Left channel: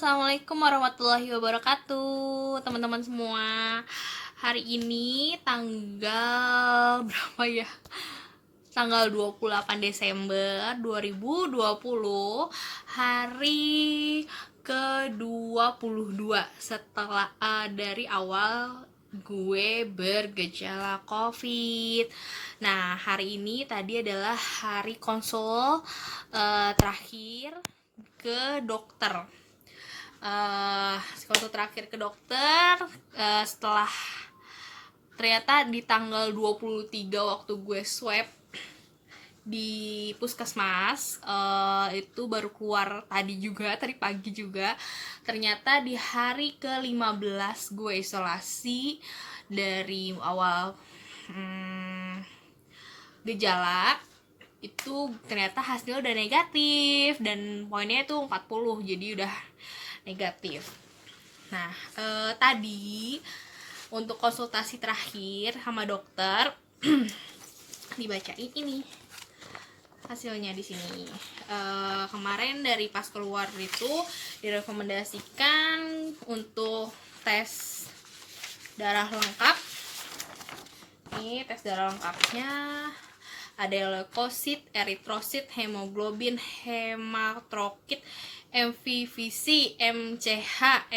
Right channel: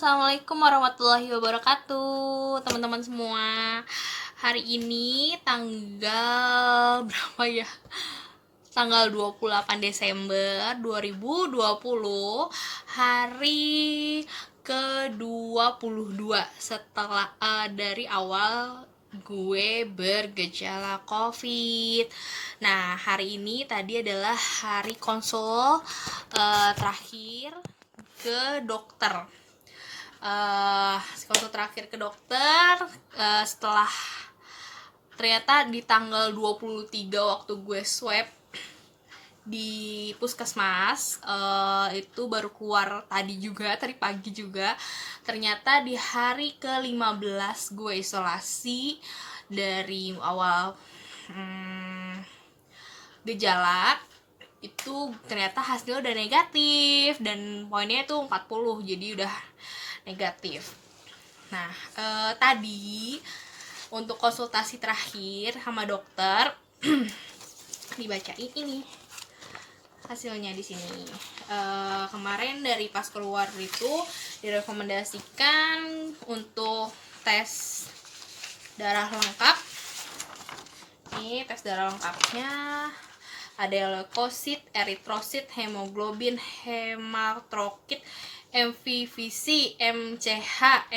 Assalamualaikum warahmatullahi wabarakatuh, teman-teman semua. Hari ini tanggal berapa ya? Tanggal 28 Desember 2020, hari ke-22 setelah dari awal gue bergejala COVID. Nah, hari ini tadi adalah hari konsul terakhir ke dokter. Konsul terakhir ke dokter setelah ternyata di tanggal 23 waktu gue swab di puskesmas, itu baru keluar tadi pagi juga. Ternyata di hari ke-15 gue isolasi dari awal gejala itu ternyata hasilnya udah negatif dan poinnya itu 40, jadi udah negatif. Nah, tadi untuk konsultasi terakhir sama dokter dibacain ini hasilnya di sini. Kemarin dari pas keluar itu direkomendasikan untuk tes darah lengkap. Ini tes darah lengkapnya ada leukosit, eritrosit, hemoglobin, hematokrit, MVVC, MCH,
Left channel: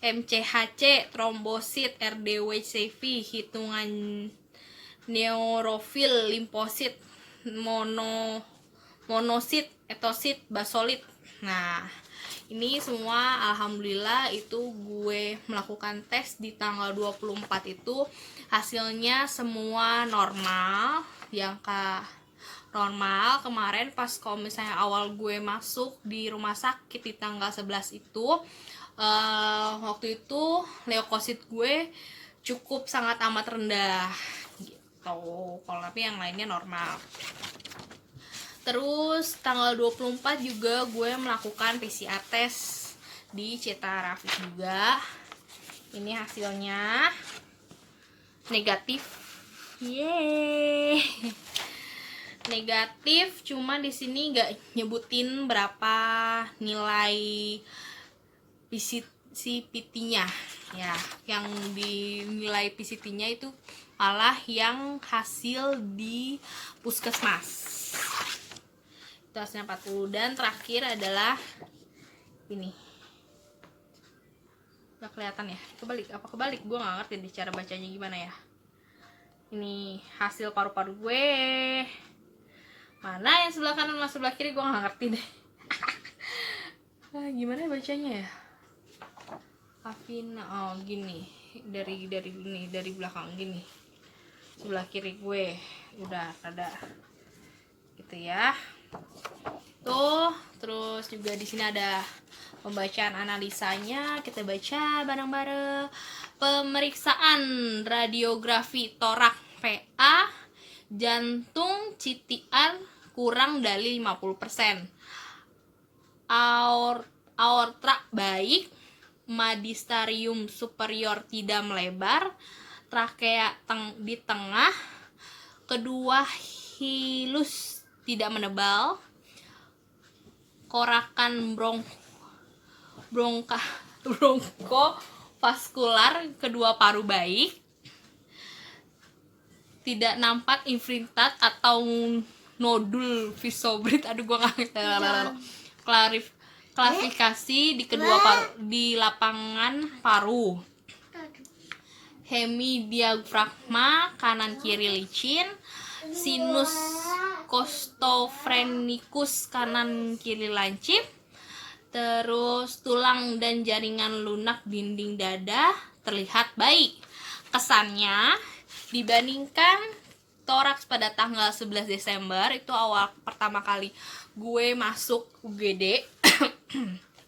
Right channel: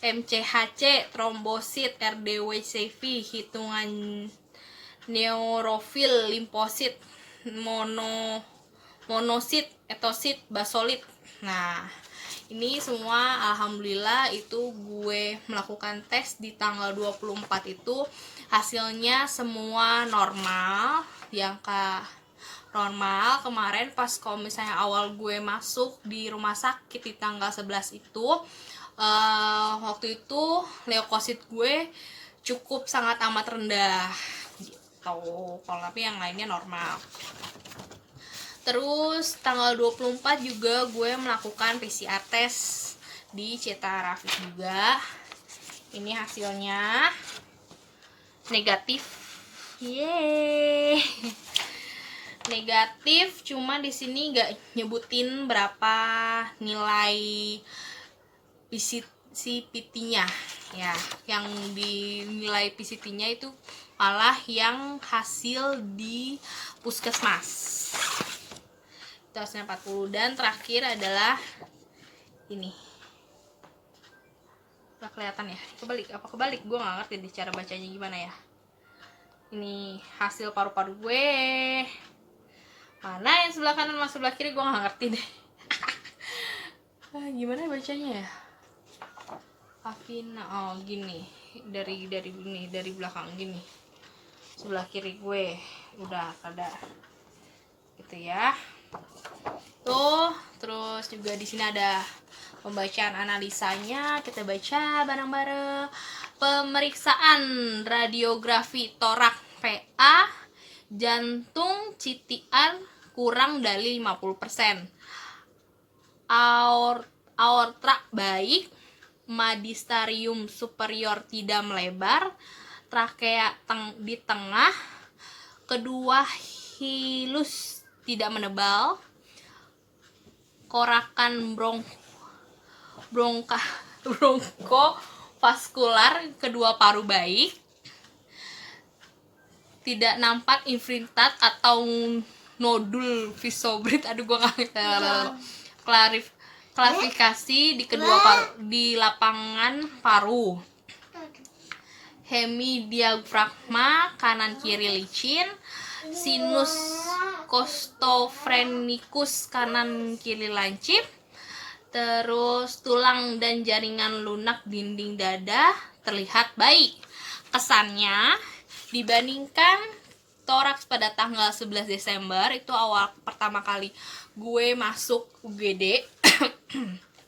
MCHC, trombosit, RDWCV, hitungan neurofil, limfosit, monosit, etosit, basolit. Nah, ini semua alhamdulillah itu gue melakukan tes di tanggal 24 itu hasilnya semua normal, di angka normal. Kemarin pas kalau misalnya awal gue masuk di rumah sakit di tanggal 11 itu waktu itu leukosit gue cukup sangat amat rendah gitu, kalau tapi yang lainnya normal. Terus tanggal 24 juga gue melakukan PCR test di Ceta Rafik juga. Ini hasilnya negatif. Yeay. Negatif, cuma di sini nggak nyebutin berapa nilai PCT-nya ya. Yang dinilai PCT-nya itu malah yang hasil di puskesmas. Itu hasilnya 40. Dan terakhir adalah ini. Udah kelihatan ya? Kebalik? Gue nggak ngerti deh cara bacanya gimana ya. Ini hasil paru-paru gue. Mana yang sebelah kanan sama sebelah kiri gue nggak ngerti deh. Gimana bacanya ya? Afina, oh gini, dari belakang gini. Sebelah kiri gue udah ada gitu ya. Tuh, terus juga di sini ada pembacaan analisanya. Kita baca bareng-bareng. Pemeriksaan radiografi torak PA, jantung CTR kurang dari 50%. Aorta baik, magisterium superior tidak melebar, trakea di tengah, kedua hilus tidak menebal, korakan bronkovaskular kedua paru baik, tidak nampak infiltrat atau nodul visobrit. Aduh, gue nggak klarifikasi di kedua paru, di lapangan paru. Hemidiafragma kanan kiri licin, sinus costophrenikus kanan kiri lancip. Terus tulang dan jaringan lunak dinding dada terlihat baik. Kesannya dibandingkan toraks pada tanggal 11 Desember itu awal pertama kali gue masuk UGD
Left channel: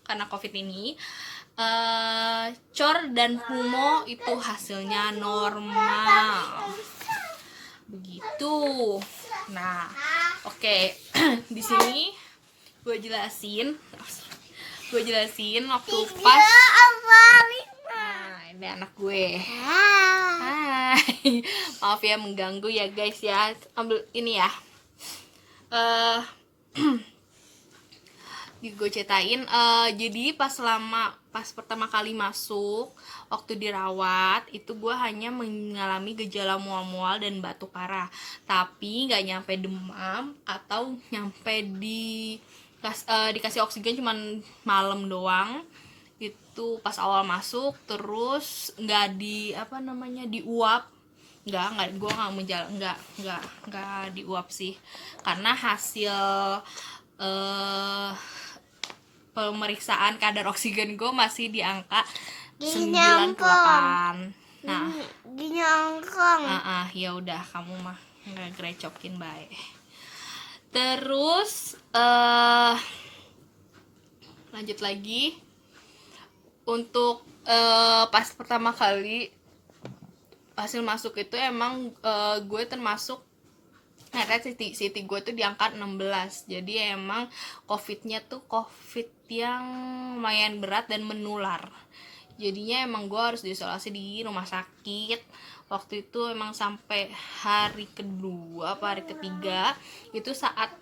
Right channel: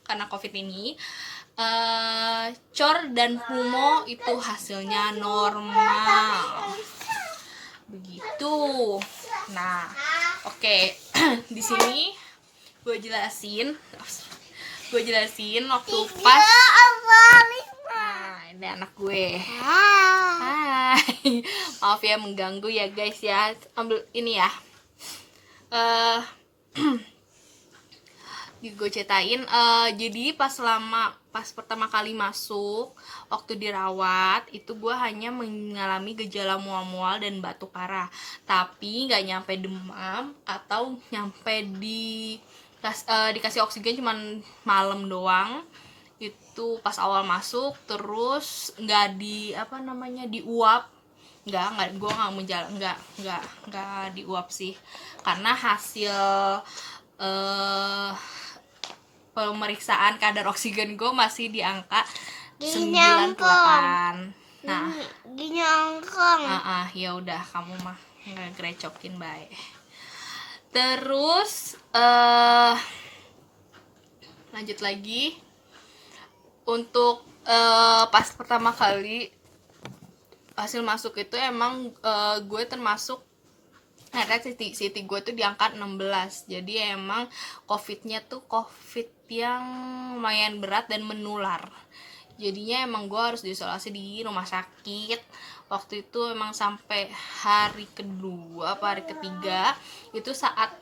karena COVID ini, cor dan pulmo itu hasilnya normal. Begitu. Nah, oke. Di sini gue jelasin waktu pas. Nah, ini anak gue. Hai. Maaf ya mengganggu ya guys ya. Ambil ini ya. gue ceritain. Jadi pas pertama kali masuk, waktu dirawat itu gue hanya mengalami gejala mual-mual dan batuk parah, tapi nggak nyampe demam atau nyampe dikasih oksigen cuman malam doang. Itu pas awal masuk. Terus nggak diuap, nggak gue nggak diuap sih, karena hasil pemeriksaan kadar oksigen gue masih di angka 98. Nah, gini angkong. Ya udah, kamu mah ngegerecokin baik. Terus lanjut lagi untuk pas pertama kali hasil masuk itu emang gue termasuk CT gue tuh di angka 16. Jadi emang COVID-nya tuh COVID yang lumayan berat dan menular. Jadinya emang gue harus diisolasi di rumah sakit. Waktu itu emang sampai hari kedua apa hari ketiga itu saat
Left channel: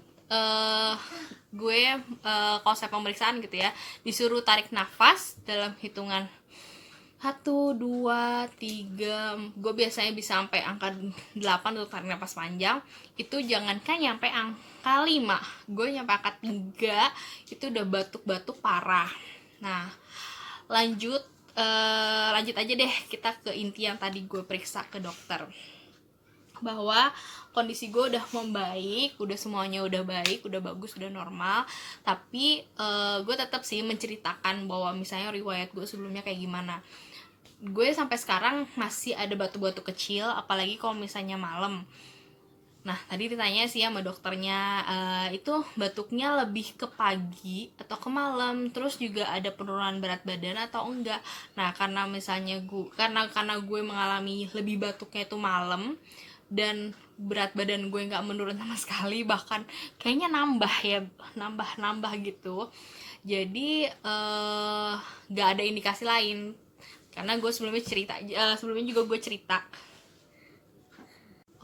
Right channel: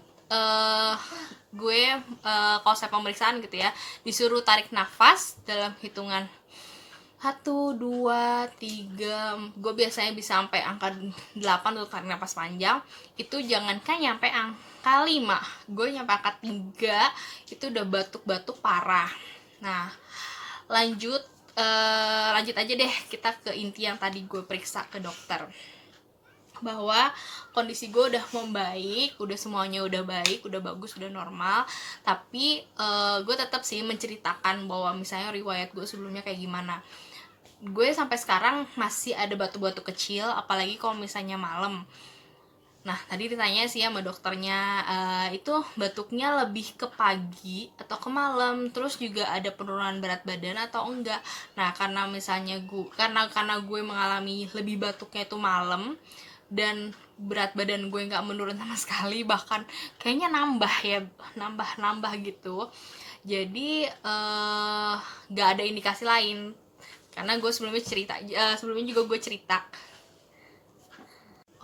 gue konsep pemeriksaan gitu ya, disuruh tarik nafas dalam hitungan 1, 2, 3. Gue biasanya bisa sampai angka 8 untuk tarik nafas panjang. Itu jangankan nyampe angka 5, gue nyampe angka 3 itu udah batuk-batuk parah. Nah, lanjut aja deh kita ke inti yang tadi gue periksa ke dokter, bahwa kondisi gue udah membaik, udah semuanya udah baik, udah bagus, udah normal. Tapi gue tetap sih menceritakan bahwa misalnya riwayat gue sebelumnya kayak gimana. Gue sampai sekarang masih ada batuk-batuk kecil, apalagi kalau misalnya malam. Nah, tadi ditanya sih sama dokternya, itu batuknya lebih ke pagi atau ke malam, terus juga ada penurunan berat badan atau enggak. Nah, karena misalnya karena gue mengalami lebih batuknya itu malam, dan berat badan gue nggak menurun sama sekali, bahkan kayaknya nambah gitu. Jadi nggak ada indikasi lain, karena gue sebelumnya juga gue cerita.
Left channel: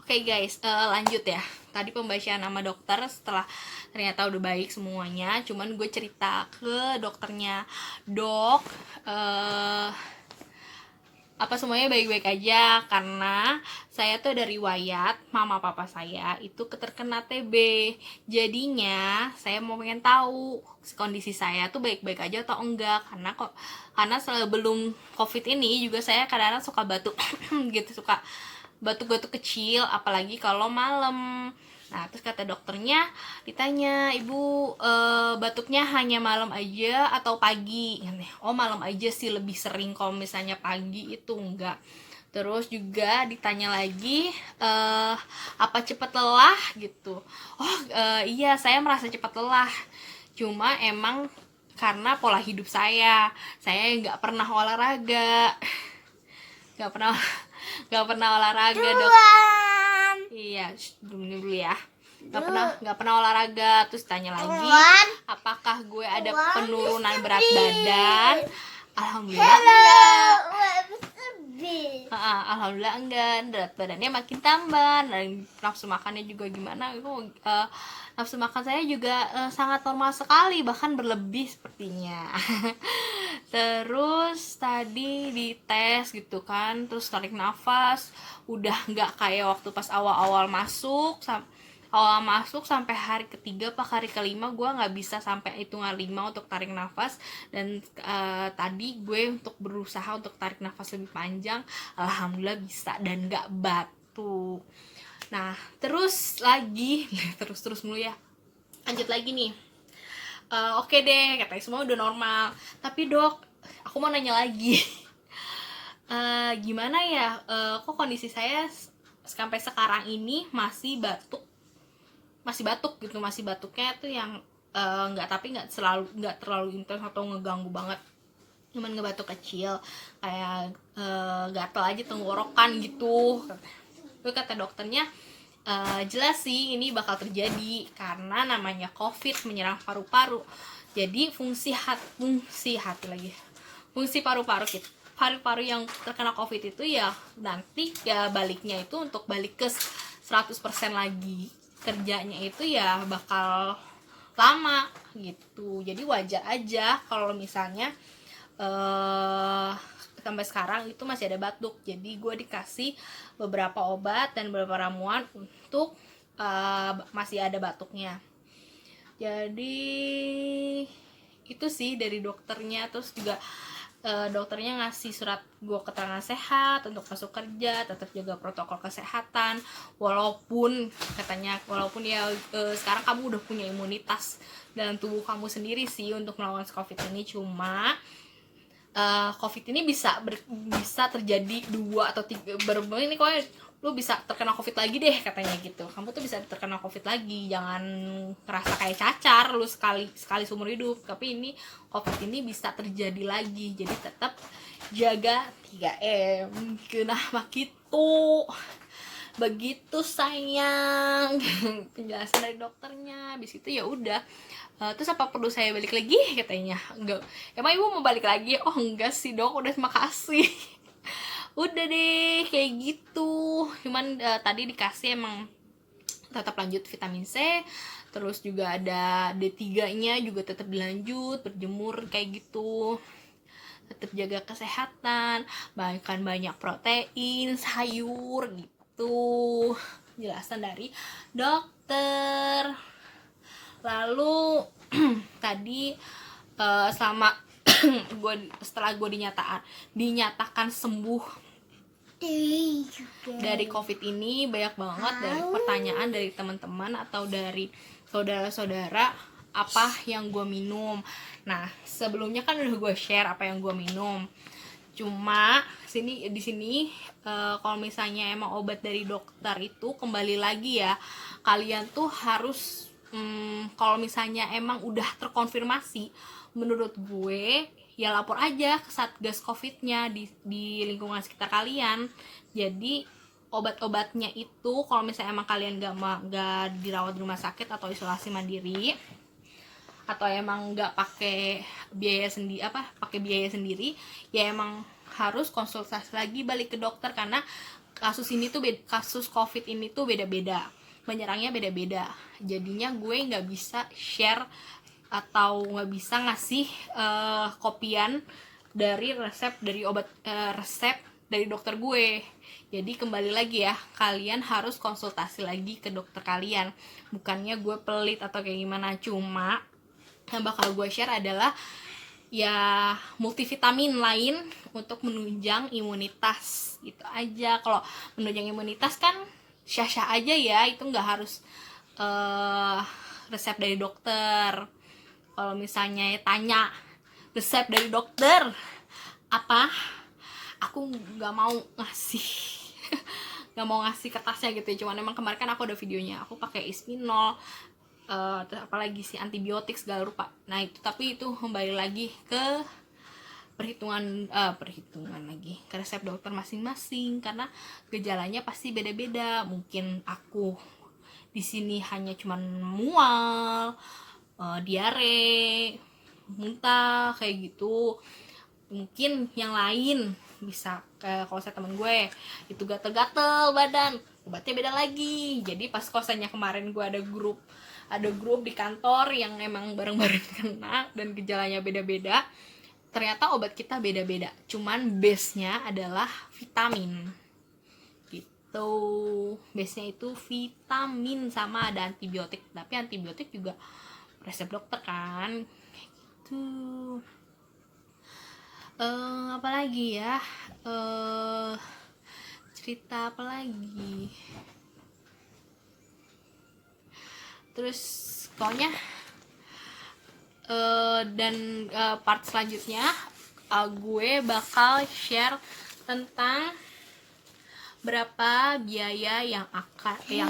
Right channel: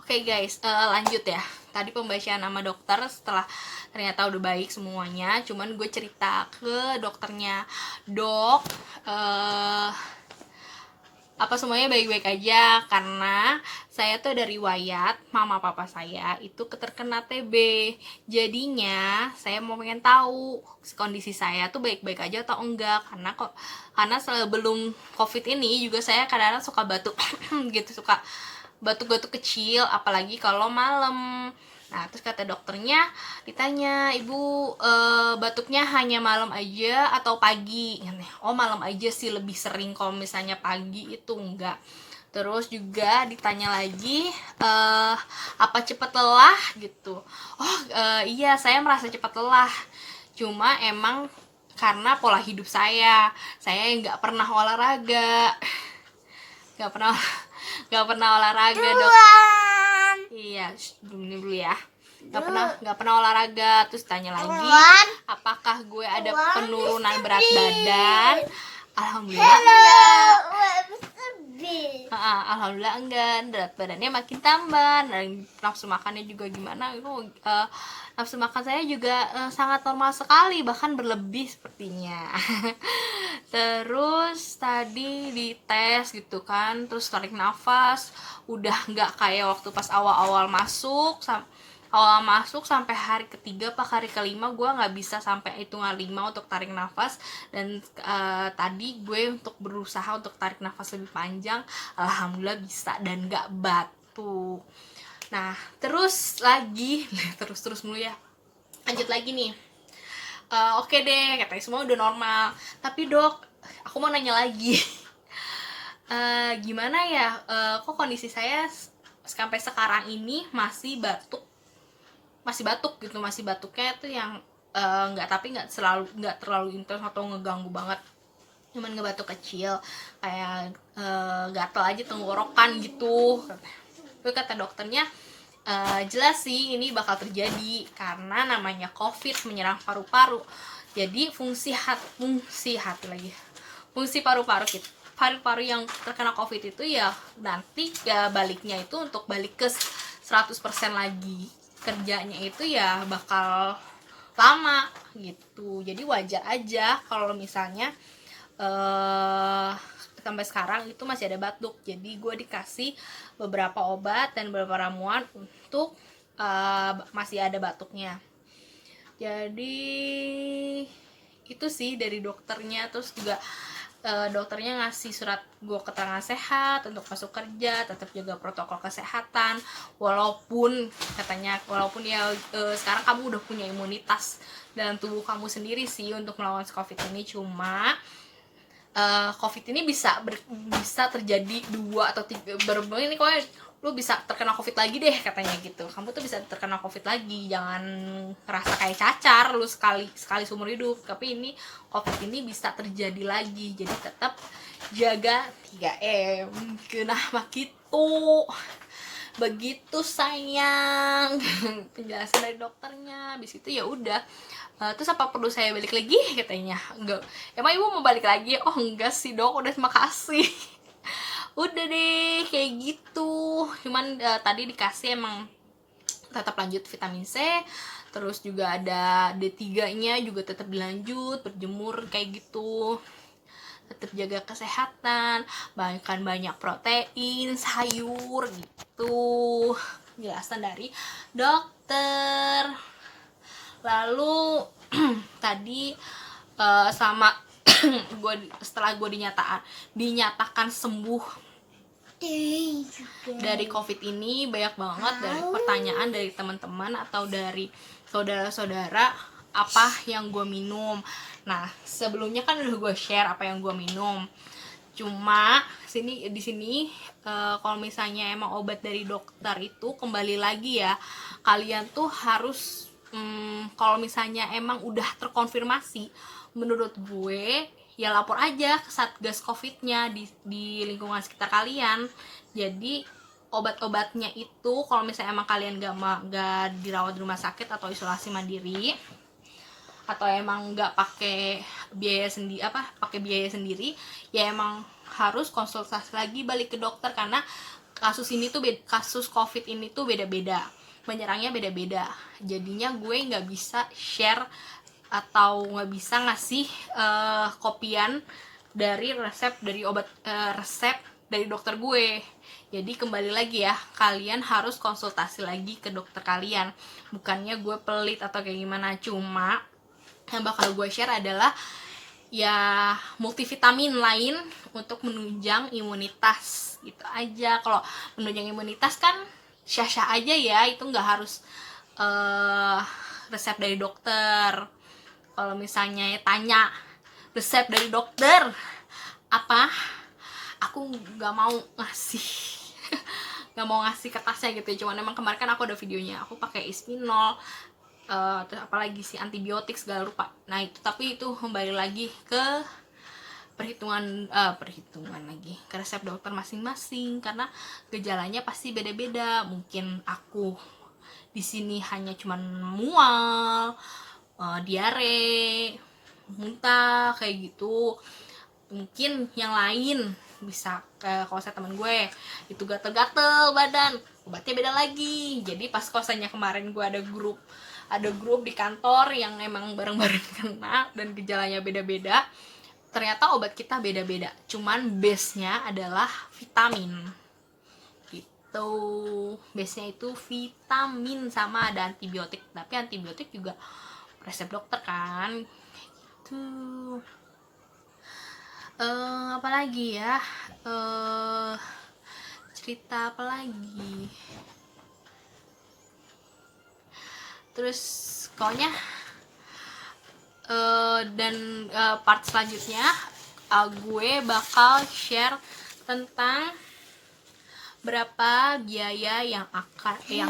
Oke guys, lanjut ya. Tadi pembacaan nama dokter setelah ternyata udah baik semuanya. Cuman gue cerita ke dokternya, dok, apa semuanya baik-baik aja, karena saya tuh ada riwayat mama papa saya itu terkena TB. Jadinya saya mau pengen tahu kondisi saya tuh baik-baik aja atau enggak, karena sebelum COVID ini juga saya kadang-kadang suka batuk gitu, suka batuk-batuk kecil, apalagi kalau malam. Nah, terus kata dokternya, ditanya, ibu batuknya hanya malam aja atau pagi? Oh, malam aja sih, lebih sering. Kalau misalnya pagi itu enggak. Terus juga ditanya lagi, apa cepat lelah gitu? Oh, iya, saya merasa cepat lelah. Cuma emang karena pola hidup saya nggak pernah olahraga, nggak pernah olahraga, dok. Iya, dulu ya. Nggak pernah olahraga. Terus tanya lagi, apakah gue ada penurunan berat badan? Alhamdulillah enggak. Alhamdulillah enggak. Berat badannya makin tambah, dan nafsu makannya juga gimana? Nafsu makan saya juga sangat normal sekali, bahkan berlebih sepertinya. Terus tadi dites gitu kan, terus tarik nafas, udah nggak kayak waktu pas awal masuk sampai hari ketiga apa hari kelima gue nggak bisa sampai hitungan 5 untuk tarik nafas. Dan tadi gue untuk berusaha untuk tarik nafas lebih panjang, alhamdulillah bisa dan nggak batuk. Nah, terus mulu ya. Lanjut lagi nih. Oke deh, katanya semua udah normal. Tapi dok, aku mau nanya lagi. Gimana ya, kok kondisi saya sampai sekarang ini masih batuk gitu, masih batuknya tuh yang nggak terlalu intens atau ngeganggu banget, cuman ngebatuk kecil, kayak gatel aja tenggorokan gitu. Terus kata dokternya, jelas sih ini bakal terjadi karena namanya COVID menyerang paru-paru. Jadi fungsi paru-paru yang terkena COVID itu ya nanti ya baliknya itu untuk balik ke 100% lagi kerjanya itu ya bakal lama gitu. Jadi wajar aja kalau misalnya sampai sekarang itu masih ada batuk. Jadi gue dikasih beberapa obat dan beberapa ramuan untuk masih ada batuknya. Jadi itu sih dari dokternya. Terus juga dokternya ngasih surat gue keterangan sehat untuk masuk kerja, tetap jaga protokol kesehatan, walaupun katanya ya sekarang kamu udah punya imunitas dalam tubuh kamu sendiri sih untuk melawan COVID ini. Cuma COVID ini bisa terjadi 2 atau 3 ini kok lu bisa terkena COVID lagi deh katanya gitu. Kamu tuh bisa terkena COVID lagi, jangan ngerasa kayak cacar lu sekali seumur hidup. Tapi ini COVID ini bisa terjadi lagi, jadi tetap jaga 3M. Kenapa gitu? Begitu sayang penjelasan dari dokternya. Habis itu ya udah, terus apa perlu saya balik lagi katanya. Enggak, emang ibu mau balik lagi? Oh enggak sih dok, udah makasih. Udah deh kayak gitu. Cuman tadi dikasih emang tetap lanjut vitamin C, terus juga ada D3 nya juga tetap dilanjut, berjemur kayak gitu, tetap jaga kesehatan, makan banyak protein, sayur gitu, jelasan dari dokter. Lalu tadi sama setelah gue dinyatakan sembuh dari COVID ini, banyak banget dari pertanyaan dari teman-teman atau dari saudara-saudara apa yang gue minum. Nah sebelumnya kan udah gue share apa yang gue minum. Cuma di sini kalau misalnya emang obat dari dokter itu kembali lagi ya, kalian tuh harus kalau misalnya emang udah terkonfirmasi, menurut gue ya lapor aja ke Satgas COVID-nya di lingkungan sekitar kalian. Jadi obat-obatnya itu kalau misalnya emang kalian gak dirawat di rumah sakit atau isolasi mandiri, atau emang nggak pakai biaya sendiri, ya emang harus konsultasi lagi balik ke dokter, karena kasus COVID ini tuh beda-beda, menyerangnya beda-beda. Jadinya gue nggak bisa share atau nggak bisa ngasih kopian dari resep dari dokter gue. Jadi kembali lagi ya, kalian harus konsultasi lagi ke dokter kalian. Bukannya gue pelit atau kayak gimana, cuma yang bakal gue share adalah ya multivitamin lain untuk menunjang imunitas gitu aja. Kalau menunjang imunitas kan syah-syah aja ya, itu nggak harus resep dari dokter. Kalau misalnya tanya resep dari dokter apa, aku nggak mau ngasih kertasnya gitu. Cuman emang kemarin kan aku ada videonya, aku pakai Isminol, terus apalagi sih antibiotik segala rupa. Nah itu, tapi itu kembali lagi ke perhitungan lagi ke resep dokter masing-masing, karena gejalanya pasti beda-beda. Mungkin aku di sini hanya cuman mual, diare, muntah kayak gitu. Mungkin yang lain bisa kalau saya teman gue itu gatel-gatel badan, obatnya beda lagi. Jadi pas kosannya kemarin gue ada grup di kantor yang emang bareng-bareng kena dan gejalanya beda-beda. Ternyata obat kita beda-beda, cuman base-nya adalah vitamin gitu. Base-nya itu vitamin sama ada antibiotik, tapi antibiotik juga resep dokter kan tuh. Apalagi ya, cerita apa lagi, terus pokoknya dan part selanjutnya gue bakal share tentang berapa biaya yang kalian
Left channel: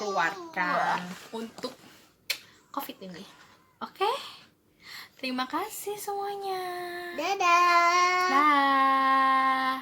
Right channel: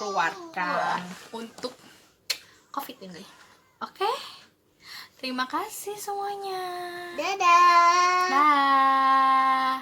keluarkan untuk COVID ini. Oke? Terima kasih semuanya. Dadah. Dah.